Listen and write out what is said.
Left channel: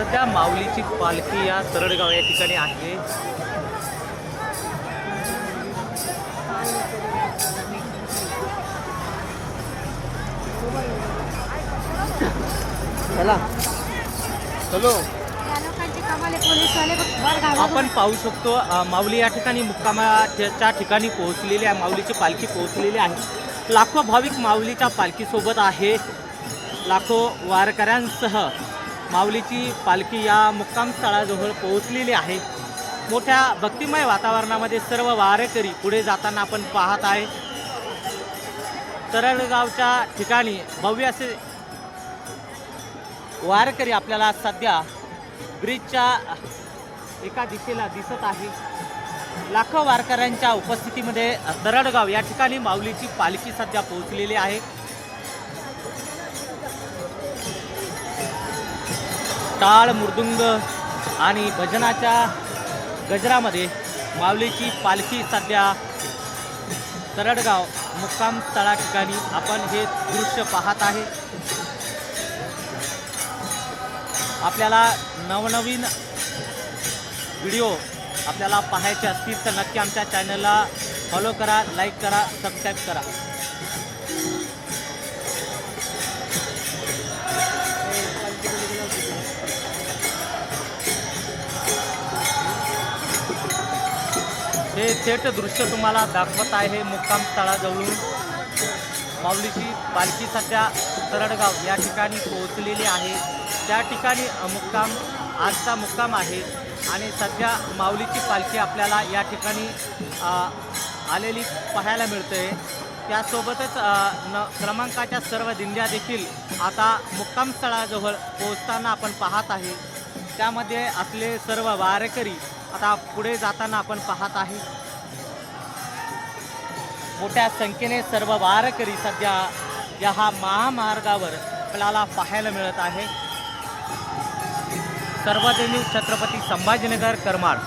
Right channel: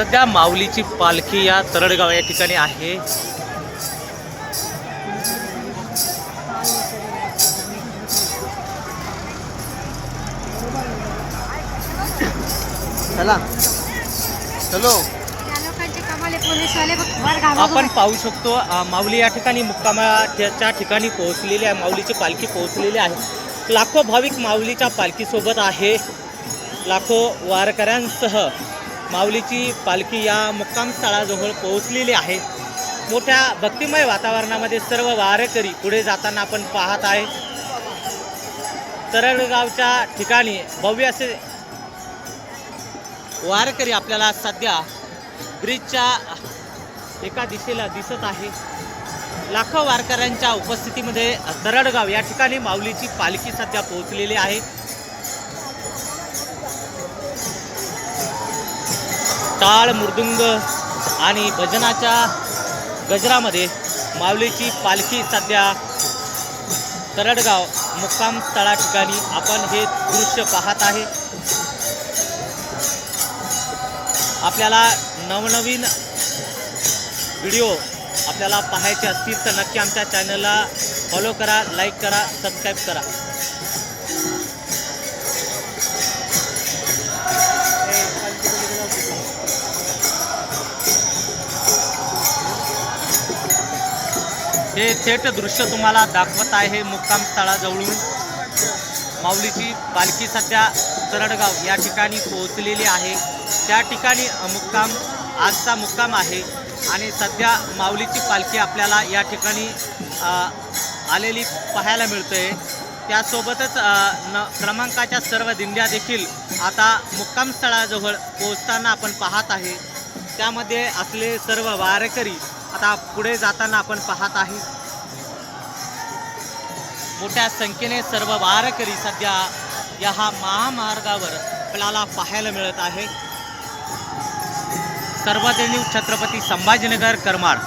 सध्या माऊलीची पालखी या तरडगाव या ठिकाणी आहे. चला. चलो. घाबरून आपण पाहू शकतो माऊली या ठिकाणी मुक्कामाच्या ठिकाणी पोहोचलेली आहे माऊलीची पालखी पोहोचलेली आहे. लाखो भाविक माऊलीच्या पालखीसोबत आहे. लाखो वारकऱ्यांसह माऊलीची पालखी या मुक्कामस्थळाजवळ पोहोचलेली आहे. मोठ्या भक्तिमय वातावरणामध्ये सर्व वारकरी पुढे जाताना आपण पाहत आहे. तरडगावच्या ठिकाणी भव्य असे वारकरी आपल्याला सध्या ब्रिजच्या एका दिशेला दिसत आहे. लाखो वारकऱ्यांच्या उपस्थितीमध्ये दरडगाव या ठिकाणी माऊलीची पालखी सध्या पोहोचलेली आहे. टाळ मृदुंग आणि भजनाच्या गजरामध्ये माऊलीची पालखी सध्या तरडगाव मुक्काम स्थळा ठिकाणी आपण हे दृश्य पाहत आहे. आपल्याला नवनवीन व्हिडिओ आपल्याला पाहायचे असतील तर नक्की आमच्या चॅनलला फॉलो करा लाईक करा सबस्क्राईब करा. हे थेट दृश्य तुम्हाला दाखवत आहे मुक्काम स्थळाजवळून. माऊलीची पालखी सध्या तरडगाव या ठिकाणी पोहोचलेली आहे. त्या ठिकाणी मुक्काम आजचा मुक्काम आहे आणि सध्या माऊलीची पालखी आपल्याला या ठिकाणी आलेली पाहायला मिळते त्यासोबतच न क्रमांकाच्या सर्व दिंड्या देखील आता मुक्काम स्थळाजवळ पोहोचताना आपण पाहत आहे. त्यामध्ये आपले सर्व वारकरी आता पुढे जाताना आपण पाहत आहे. मोठ्या संख्येने सर्व वारकरी सध्या या हा महामार्गावर आपल्याला पाहायला मिळत आहे. सर्वजणी छत्रपती संभाजीनगर करमाड